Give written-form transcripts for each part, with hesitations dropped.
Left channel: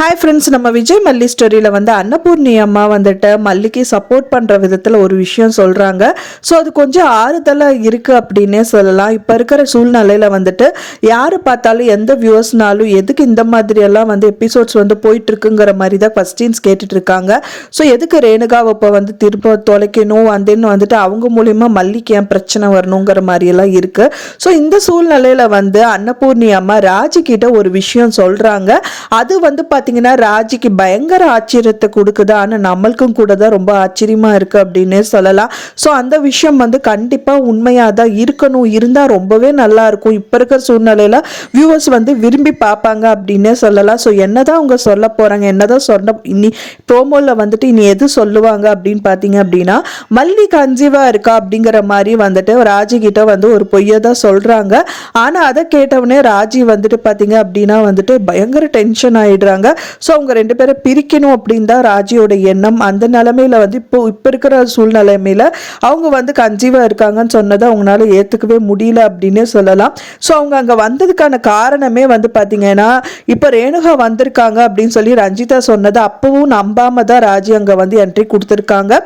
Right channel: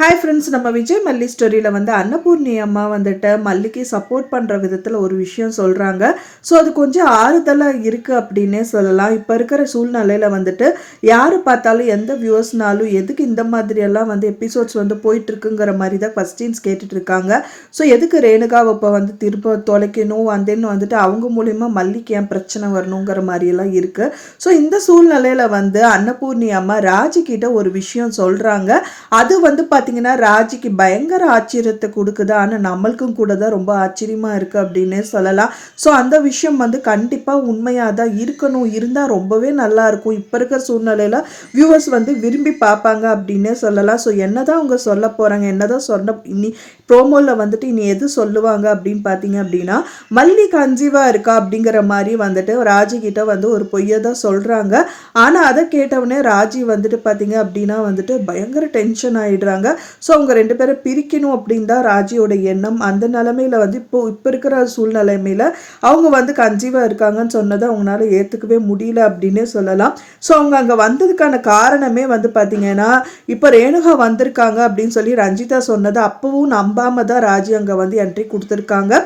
Hi friends, நம்ம விஜய் மல்லி ஸ்டோரியில் வந்து அன்னபூர்ணி அம்மா வந்துட்டு மல்லிக்கு சப்போர்ட் பண்ணுற விதத்தில் ஒரு விஷயம் சொல்கிறாங்க. ஸோ அது கொஞ்சம் ஆறுதலாக இருக்குது அப்படின்னே சொல்லலாம். இப்போ இருக்கிற சூழ்நிலையில் வந்துட்டு யார் பார்த்தாலும் எந்த வியூவர்ஸ்னாலும் எதுக்கு இந்த மாதிரியெல்லாம் வந்து எபிசோட்ஸ் வந்து போயிட்டுருக்குங்கிற மாதிரி தான் கொஸ்டின்ஸ் கேட்டுட்ருக்காங்க. ஸோ எதுக்கு ரேணுகாவை இப்போ வந்து திரும்ப தொலைக்கணும் அந்தன்னு வந்துட்டு அவங்க மூலிமா மல்லிக்கு ஏன் பிரச்சனை வரணுங்கிற மாதிரியெல்லாம் இருக்குது. ஸோ இந்த சூழ்நிலையில் வந்து அன்னபூர்ணி அம்மா ராஜி கிட்ட ஒரு விஷயம் சொல்கிறாங்க. அது வந்து பார்த்தீங்கன்னா ராஜிக்கு பயங்கர ஆச்சரியத்தை கொடுக்குது. ஆனால் நம்மளுக்கும் கூட தான் ரொம்ப ஆச்சரியமா இருக்கு அப்படின்னே சொல்லலாம். ஸோ அந்த விஷயம் வந்து கண்டிப்பாக உண்மையாக தான் இருக்கணும், இருந்தால் ரொம்பவே நல்லா இருக்கும். இப்போ இருக்கிற சூழ்நிலையில் வியூவர்ஸ் வந்து விரும்பி பார்ப்பாங்க அப்படின்னே சொல்லலாம். ஸோ என்னதான் அவங்க சொல்ல போகிறாங்க, என்னதான் சொன்ன இனி ப்ரோமோவில் வந்துட்டு இனி எது சொல்லுவாங்க அப்படின்னு பார்த்தீங்க அப்படின்னா மல்லி கன்சீவா இருக்கா அப்படிங்கிற மாதிரி வந்துட்டு ராஜி கிட்ட வந்து ஒரு பொய்யை தான் சொல்கிறாங்க. ஆனால் அதை கேட்டவனே ராஜி வந்துட்டு பார்த்தீங்க அப்படின்னா வந்துட்டு பயங்கர டென்ஷன் ஆயிடுறாங்க. ஸோ அவங்க ரெண்டு பேரும் பிரிக்கணும் அப்படின்னு தான் ராஜியோட எண்ணம். அந்த நிலைமையில வந்து இப்போ இருக்கிற சூழ்நிலைமையில அவங்க வந்து கன்சீவா இருக்காங்கன்னு சொன்னதை அவங்களால ஏத்துக்கவே முடியல அப்படின்னே சொல்லலாம். ஸோ அவங்க அங்க வந்ததுக்கான காரணமே வந்து பாத்தீங்கன்னா இப்ப ரேணுகா வந்திருக்காங்க அப்படின்னு சொல்லி ரஞ்சிதா சொன்னதை அப்பவும் நம்பாம தான் ராஜி அங்க வந்து என்ட்ரி கொடுத்துருக்காங்க.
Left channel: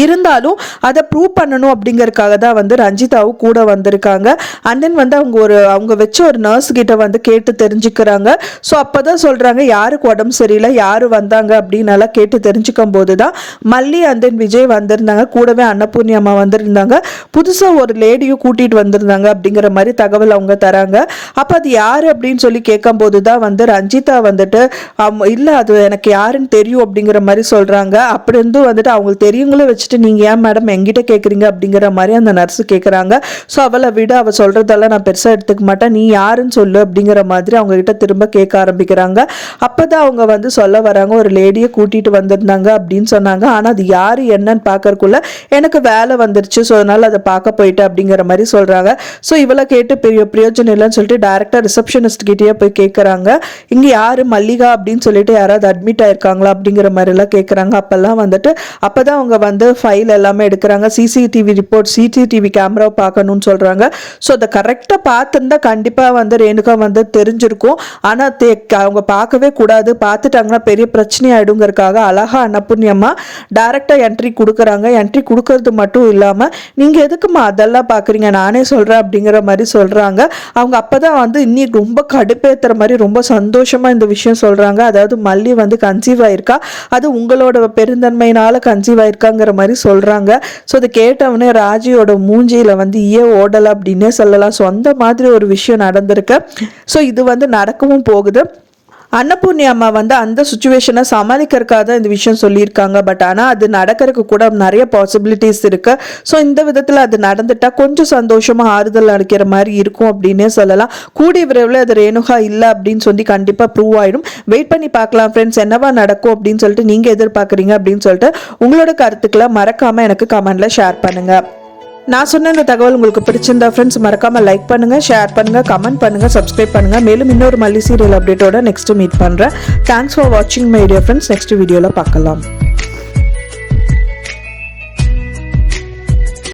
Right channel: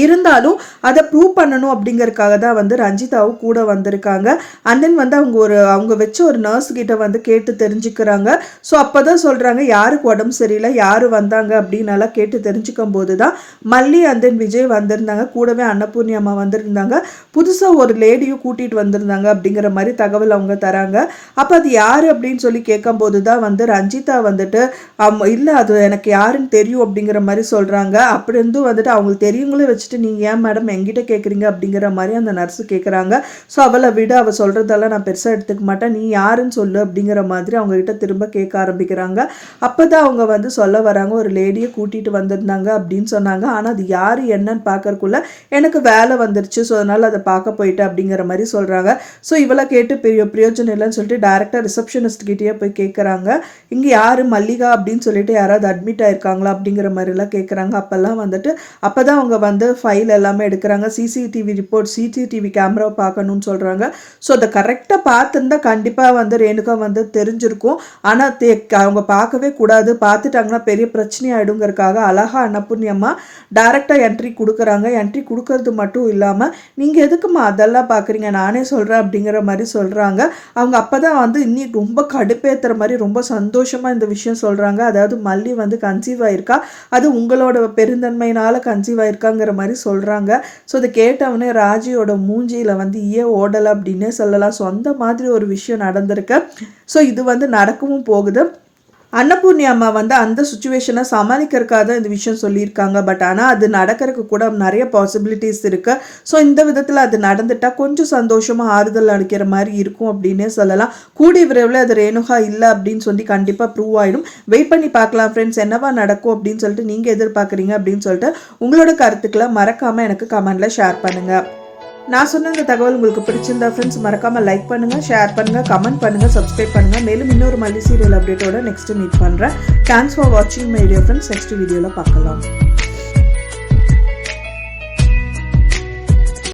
இருந்தாலும் அதை ப்ரூவ் பண்ணணும் அப்படிங்கறதுக்காக தான் வந்து ரஞ்சிதாவும் கூட வந்திருக்காங்க. அண்ட் தென் வந்து அவங்க வச்ச ஒரு நர்ஸ் கிட்ட வந்து கேட்டு தெரிஞ்சுக்கிறாங்க. ஸோ அப்போதான் சொல்றாங்க யாருக்கு உடம்பு சரியில்லை, யாரு வந்தாங்க அப்படின்னு எல்லாம் கேட்டு தெரிஞ்சுக்கும் போது தான் மல்லி அண்ட் தென் விஜய் வந்திருந்தாங்க, கூடவே அன்னபூர்ணி அம்மா வந்திருந்தாங்க, புதுசாக ஒரு லேடியும் கூட்டிட்டு வந்திருந்தாங்க அப்படிங்கிற மாதிரி தகவல் அவங்க தராங்க. அப்போ அது யாரு அப்படின்னு சொல்லி கேட்கும் போது தான் வந்து ரஞ்சிதா வந்துட்டு இல்லை அது எனக்கு யாருன்னு தெரியும் அப்படிங்கிற மாதிரி சொல்றாங்க. அப்படி இருந்து வந்துட்டு அவங்களுக்கு தெரியுங்களே வச்சுட்டு நீங்க ஏன் மேடம் என்கிட்ட கேட்குறீங்க அப்படிங்கிற மாதிரி அந்த நர்ஸ் கேட்குறாங்க. ஸோ அவளை விட அவள் சொல்றதெல்லாம் நான் பெருசாக எடுத்துக்க மாட்டேன், நீ யாருன்னு சொல்லு அப்படிங்கிற மாதிரி அவங்க கிட்ட திரும்ப கேட்க ஆரம்பிக்கிறாங்க. அப்போதான் அவங்க வந்து சொல்ல வராங்க ஒரு லேடியை கூட்டிட்டு வந்திருந்தாங்க அப்படின்னு சொன்னாங்க. ஆனால் அது யாரு என்னன்னு பார்க்கறக்குள்ள எனக்கு வேலை வந்துருச்சு, ஸோ அதனால அதை பார்க்க போயிட்டு அப்படிங்கிற மாதிரி சொல்றாங்க. ஸோ இவளை கேட்டு பெரிய பிரயோஜனம் இல்லைன்னு சொல்லிட்டு டைரக்டா ரிசப்ஷனிஸ்ட் கிட்டேயே போய் கேட்குறாங்க, இங்க யாரு மல்லிகா அப்படின்னு சொல்லிட்டு யாராவது அட்மிட் ஆயிருக்காங்களா அப்படிங்கிற மாதிரி எல்லாம் கேட்குறாங்க. அப்பெல்லாம் வந்துட்டு அப்பதான் அவங்க வந்து ஃபைல் எல்லாமே எடுக்கிறாங்க. சிசிடிவி ரிப்போர்ட், சிசிடிவி கேமராவை பார்க்கணும்னு சொல்றாங்க. ஸோ அதை கரெக்டாக பார்த்துருந்தா கண்டிப்பாக வந்து ரேணுகா வந்து தெரிஞ்சிருக்கும். ஆனால் அவங்க பார்க்கவே கூடாது, பார்த்துட்டாங்கன்னா பெரிய பிரச்சனை ஆயிடுங்கிறதுக்காக அழகா அன்னபூர்ணி அம்மா டைரக்டாக என்ட்ரி கொடுக்குறாங்க. என்ட்ரி கொடுக்கறது மட்டும் இல்லாமல் நீங்கள் எதுக்குமா அதெல்லாம் பார்க்குறீங்க, நானே சொல்கிறேன் அப்படிங்கிற மாதிரி சொல்கிறாங்க. அவங்க அப்போதான் வந்து இன்னும் ரொம்ப கடுப்பேற்றுற மாதிரி ரொம்ப சந்தோஷமாக இந்த விஷயம் சொல்கிறாங்க. அதாவது மல்லி வந்து கன்சீவ் ஆயிருக்கா, அது உங்களோட பெருந்தன்மையினால கன்சீவ் ஆயிருக்காங்கிற மாதிரி சொல்றாங்க. ஸோ அதை கேட்டவனே ராஜியோட மூஞ்சியில வந்து ஓடல அப்படின்னே சொல்லலாம். ஸோ அந்த மாதிரி ஒரு விஷயம் நடந்திருக்கு. ஸோ இது வந்து நடக்கவும் போகுது. அன்னபூர்ணி அம்மா வந்து அந்த சுச்சுவேஷனை சமாளிக்கிறதுக்காக தான் இந்த விஷயம் சொல்லியிருக்காங்க. பட் ஆனால் அது நடக்கிறதுக்கு கூட நிறைய பாசிபிலிட்டிஸ் இருக்கு. ஸோ இந்த விதத்தில் அது நடந்துட்டா கொஞ்சம் சந்தோஷமா ஆறுதல் அளிக்கிற மாதிரி இருக்கும் அப்படின்னே சொல்லலாம். கூடிய விரைவில் அது ரேணுகா இல்லை அப்படின்னு சொல்லி கண்டிப்பாக ப்ரூவ் ஆயிடும். வெயிட் பண்ணி பார்க்கலாம் ஃப்ரெண்ட்ஸ், என்னவா நடக்கும் அப்படின்னு சொல்லிட்டு நீங்க எதிர்பார்க்குறீங்க அப்படின்னு சொல்லிட்டு உங்களோட கருத்துக்களை மறக்காம எனக்கு கமெண்ட்ல ஷேர் பண்ணுங்க. நான் சொன்ன இந்த தகவல் உங்களுக்கு பிடிச்சிருந்தா ஃப்ரெண்ட்ஸ் மறக்காம லைக் பண்ணுங்க, ஷேர் பண்ணுங்க, கமெண்ட் பண்ணுங்க, சப்ஸ்கிரைப் பண்ணுங்க. மேலும் இன்னொரு மல்லி சீரியல் அப்டேட்டோட நெக்ஸ்ட் மீட் பண்றேன். தேங்க்ஸ் ஃபார் வாட்சிங் மை டியர் ஃப்ரெண்ட்ஸ். நெக்ஸ்ட் வீடியோல பார்க்கலாம்.